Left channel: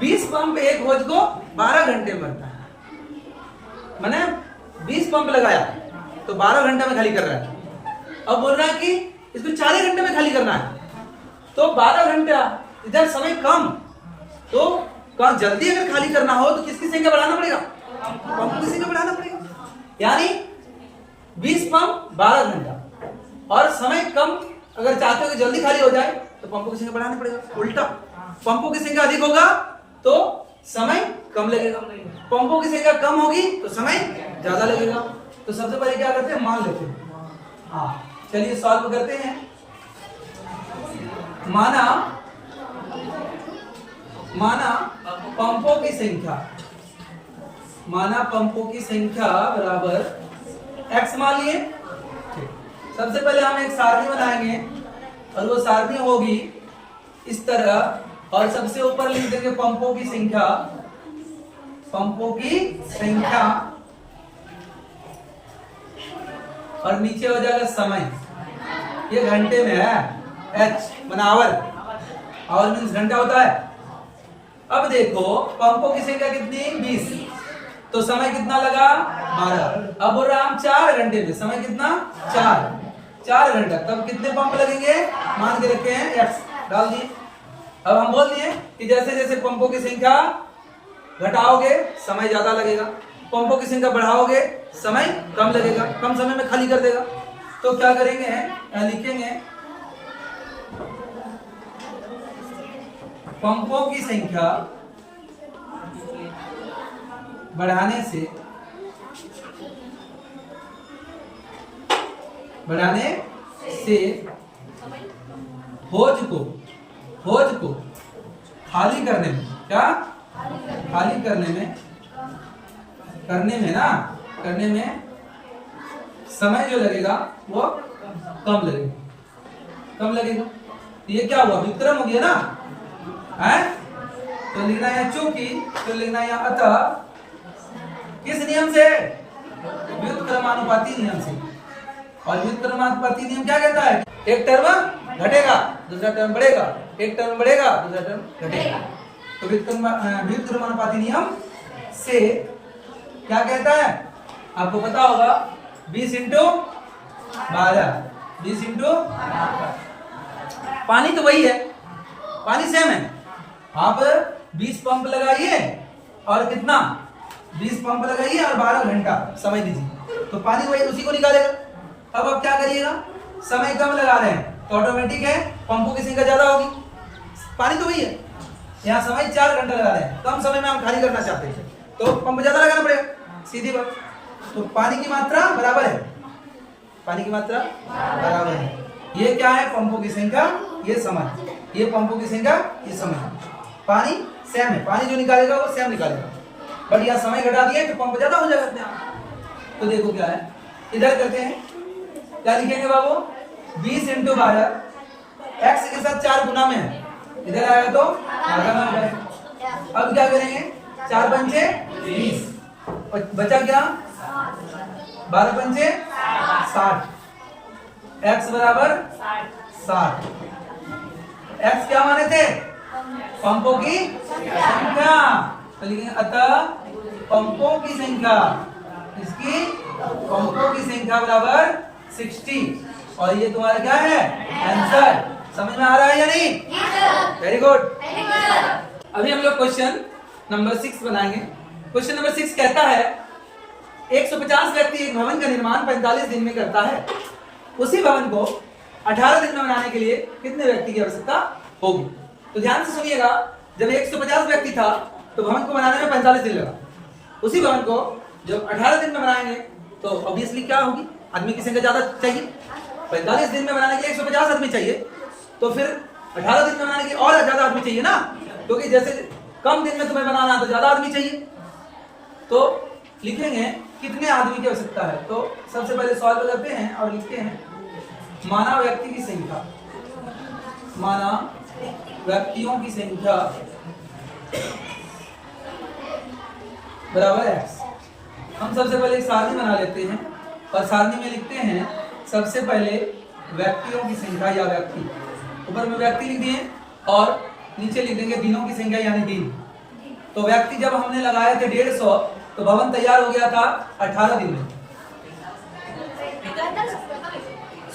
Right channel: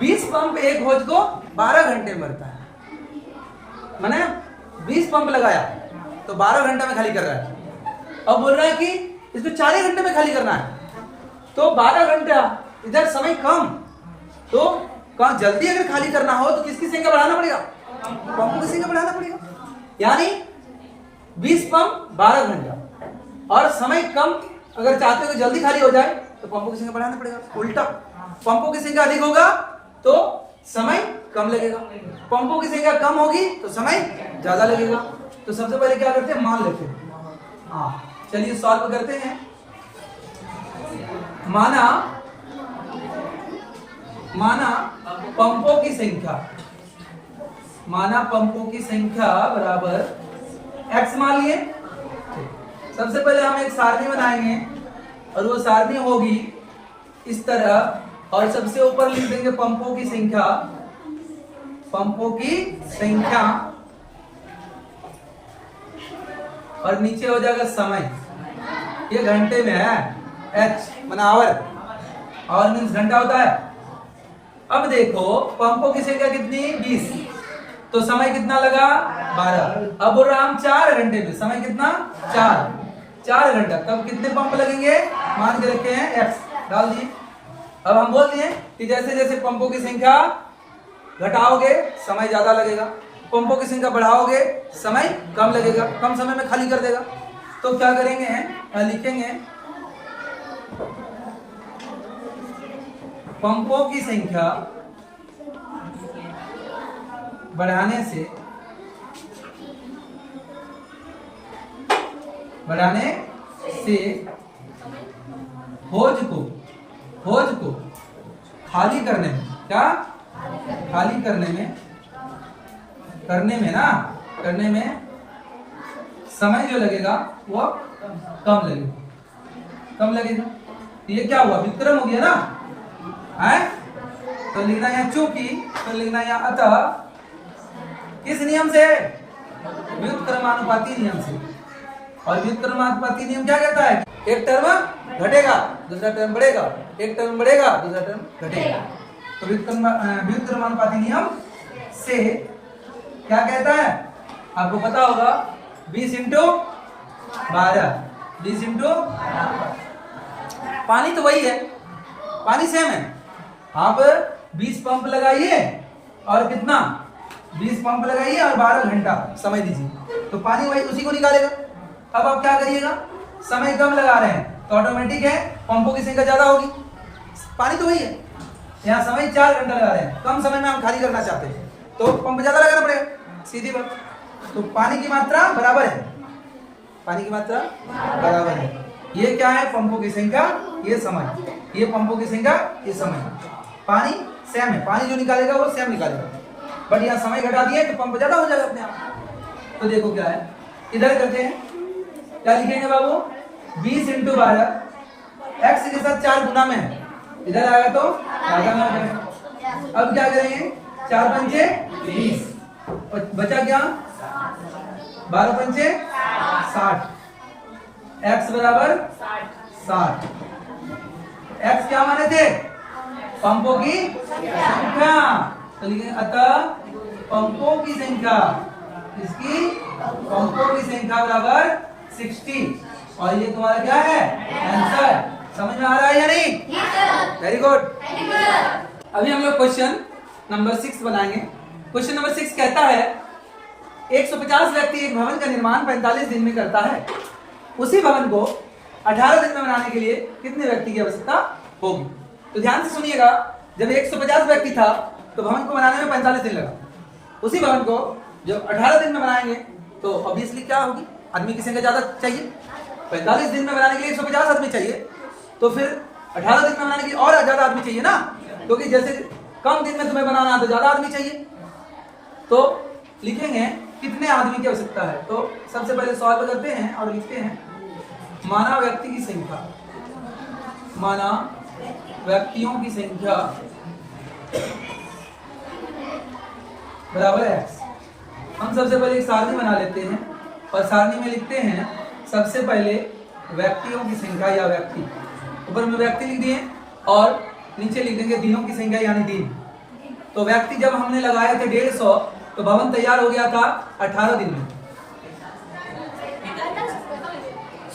20 pump एक होज को 12 घंटे में भरता है। मैंने 20 पंप लगाया तो 12 घंटे में खाली कर रहा है। अब बोल रहा है कि इसको 40 घंटे में खाली करना है, तो 12 घंटा इधर समय कम, तो कौन जल्दी अगर खाली करना हो तो किसकी संख्या बढ़ाना पड़ेगा? पंपों की संख्या बढ़ाना पड़ेगा। यानी 20 पंप 12 घंटा और समय कम, अगर चाहते हो कि जल्दी खाली हो जाए तो पंपों की संख्या बढ़ाना पड़ेगा। उल्टा, पंपों की संख्या अधिक होगा तो समय कम लगेगा, पंपों की संख्या कम होगी तो समय ज्यादा लगेगा। तो सबसे पहले क्या करते हैं, मान लेते हैं। हाँ चलिए सॉल्व करते हैं। माना पंपों की संख्या, माना पंपों की संख्या बराबर x मान लिए। सबसे पहले हम एक सारणी बनाएंगे और वो सारणी होगी इस तरह, और सबसे ऊपर लिख देंगे पंपों की संख्या, पंपों की संख्या, और नीचे हो जाएगा समय। ये घंटे में है, h माना आवर, आवर मीन्स घंटा होता है। अब देखो पंपों की संख्या कितनी, 20, तो समय कितना लगा, 12। अब बोल रहा हम 4 घंटे में, समय कितना, 4 घंटा, तब कितने पंप लगेंगे, मान के रखे हैं x, डाल दिए। अब हम बोल दिए कि जैसे जैसे पंपों की संख्या घटाओगे समय ज्यादा लगेगा, पंपों की संख्या बढ़ाओगे समय कम लगेगा, कम समय में खाली कर देगा। तो क्या करेंगे, लिखेंगे पंपों की संख्या बढ़ाने से होज को खाली करने में, क्या खाली करने में समय जो लगेगा वो कम लगेगा। ये क्या हुआ, व्युत्क्रम हो गया ना, है? तो लिखना है चूंकि, तो लिखना है अतः, किस नियम से, व्युत्क्रमानुपाती नियम से। और व्युत्क्रमानुपाती नियम क्या कहता है, एक टर्म घटेगा दूसरा टर्म बढ़ेगा, एक टर्म बढ़ेगा दूसरा टर्म घटेगा। तो व्युत्क्रमानुपाती नियम से क्या कहता है, आपको पता होगा, 20 इंटू 12, 20 इंटू, पानी तो वही है, पानी सेम है। आप 20 पंप लगाइए और कितना, 20 पंप लगाइए और 12 घंटा समय दीजिए, तो पानी वही उसी को निकालेगा। अब आप क्या करिएगा, समय कम लगा रहे हैं तो ऑटोमेटिक है पंपों की संख्या ज्यादा होगी, पानी तो वही है। यहाँ समय 4 घंटा लगा रहे हैं, कम समय में हम खाली करना चाहते हैं तो पंप ज्यादा लगाना पड़ेगा, सीधी बात। तो पानी की मात्रा बराबर है, पानी की मात्रा बराबर है। ये क्या है, पंपों की संख्या, ये समय, ये पंपों की संख्या, ये समय। पानी सेम है, पानी जो निकालेगा वो सेम निकालेगा, बट यहाँ समय घटा दिया तो पंप ज्यादा हो जाएगा अपने आप। तो देखो क्या है, इधर करते हैं, क्या लिखेंगे बाबू, 20 इंटू 12, x के साथ 4 गुना में है, इधर आएगा तो आधा गुना करेंगे। अब क्या करेंगे, 4 पंचे 20, बचा क्या, 12 पंचे 60, x बराबर 60। x क्या माने थे, पंपों की संख्या, तो लिखेंगे अतः पंपों की संख्या, इसकी पंपों की संख्या बराबर 60। और ये तुम्हारा क्या है, आंसर। समझ में आ रहा है या नहीं, वेरी गुड। अभी हम लोग क्वेश्चन नंबर 6 बनाएंगे। क्वेश्चन नंबर 6 कहता है 150 व्यक्ति एक भवन का निर्माण 45 दिन में करता है, उसी भवन को 18 दिन में बनाने के लिए कितने व्यक्ति की आवश्यकता होगी। तो ध्यान से सुनिएगा, जब 150 व्यक्ति था तो भवन को बनाने में 45 दिन लगा, उसी भवन को जब 18 दिन में बनाएंगे तो ऑब्वियसली क्या होगी, आदमी की संख्या ज्यादा चाहिए। 45 दिन में बनाने के लिए 150 आदमी चाहिए, तो फिर 18 दिन में बनाने के लिए और ज्यादा आदमी चाहिए ना, क्योंकि जैसे कम दिन में तुम्हें बनाना है तो ज्यादा आदमी चाहिए। तो लिखेंगे कितने आदमी की आवश्यकता है। तो सबसे पहले सॉल्व करते हैं और लिखते हैं, माना व्यक्ति की संख्या, माना व्यक्तियों की संख्या बराबर x। हम सबसे पहले एक सारणी बना लेते हैं और सारणी में लिखते हैं सबसे पहले व्यक्तियों की संख्या या व्यक्ति, ऊपर में व्यक्ति लिख दिए और नीचे लिख देंगे दिनों की संख्या यानी दिन। तो व्यक्ति जब हमने लगाए थे 150, तो भवन तैयार हो गया था 18 दिन में,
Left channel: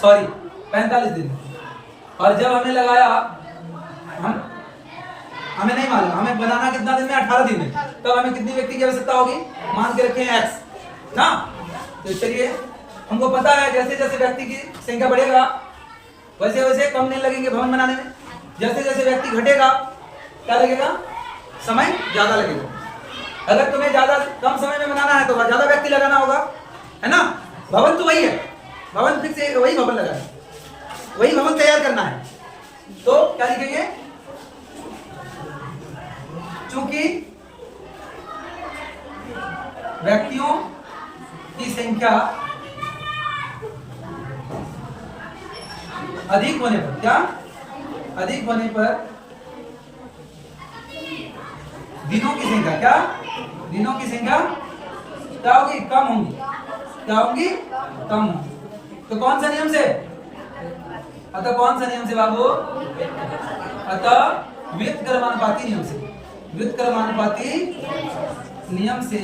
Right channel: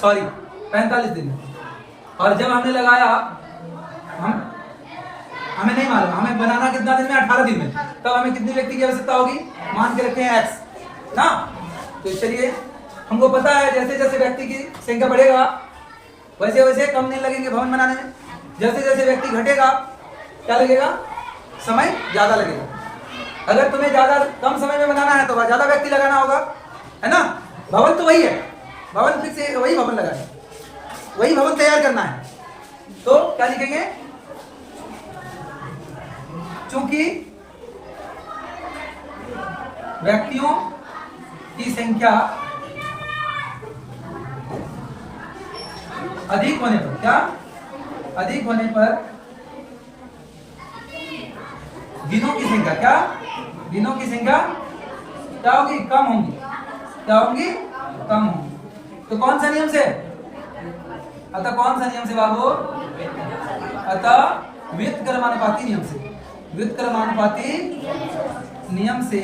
सॉरी 45 दिन में। और जब हमने लगाया, हमें नहीं मालूम, हमें बनाना कितना दिन में, 18 दिन में, तब हमें कितनी व्यक्ति की आवश्यकता होगी, मान के रखे हैं x ना। तो चलिए हमको पता है जैसे जैसे व्यक्ति की संख्या बढ़ेगा वैसे वैसे कम दिन लगेंगे भवन बनाने में, जैसे जैसे व्यक्ति घटेगा क्या लगेगा, समय ज्यादा लगेगा। अगर तुम्हें ज्यादा कम समय में बनाना है तो ज्यादा व्यक्ति लगाना होगा, है ना। भवन तो वही है, भवन फिर से वही भवन लगा है, वही भवन तैयार करना है, तो क्या लिखेंगे, चूंकि व्यक्तियों की संख्या अधिक होने पर, क्या अधिक होने पर दिनों की संख्या, क्या दिनों की संख्या क्या होगी, कम होंगी, क्या होंगी, कम होंगी। तो कौन सा नियम से, अतः कौन सा नियम से बाबू, अतः व्युत्क्रमानुपाती नियम से, व्युत्क्रमानुपाती नियम से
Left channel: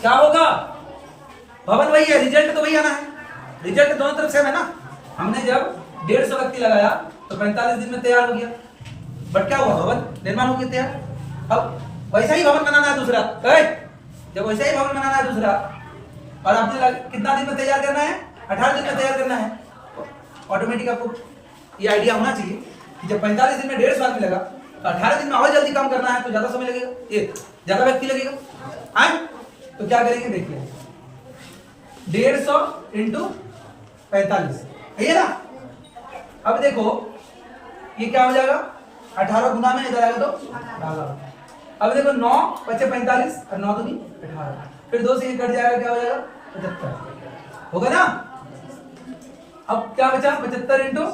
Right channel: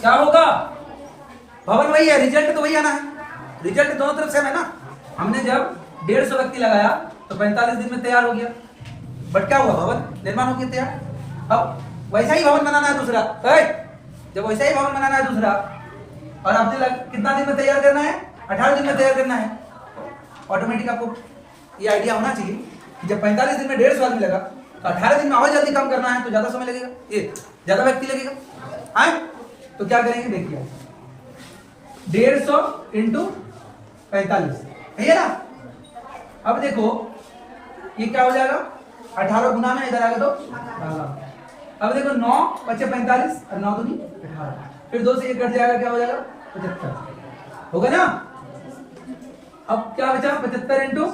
क्या होगा, भवन वही है, रिजल्ट तो वही आना है, रिजल्ट दोनों तरफ से है ना। हमने जब 150 व्यक्ति लगाया तो 45 दिन में तैयार हो गया, बट क्या हुआ, भवन निर्माण हो गया तैयार। अब वैसा ही भवन बनाना है दूसरा, जब वैसा ही भवन बनाना है दूसरा, और आपने कितना दिन में तैयार करना है, 18 दिन में तैयार करना है, ऑटोमेटिक आपको ये आइडिया होना चाहिए कि जब 45 दिन में 150 आदमी लगा तो 18 दिन में और जल्दी काम करना है तो ज्यादा समय लगेगा, ये ज्यादा व्यक्ति लगेगा। हाँ, तो क्या करेंगे देखिए, 150 इंटू 45 है ना। अब देखो ये क्या हो जाएगा, 18 गुना में इधर आएगा तो 18। अब देखो 9 पचे 45 और 9 दूनी 18, फिर 2 से ये कट जाएगा, क्या हो जाएगा 75 हो गया ना। अब क्या बचा, 75 इंटू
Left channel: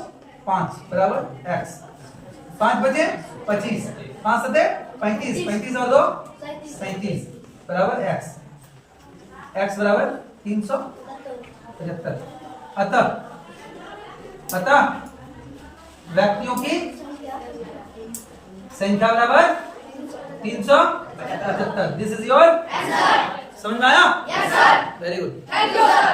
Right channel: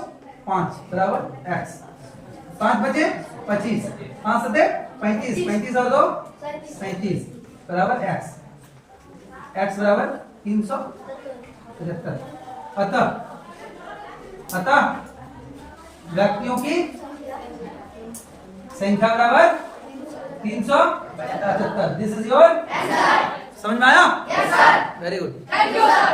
5 बराबर x, 5 बचे 25, 5 सते 35, 35 और 2 37 बराबर x, x बराबर 375। अतः व्यक्तियों की संख्या बराबर 375। This is your answer. समझ में आया? Yes sir. Very good, thank you sir.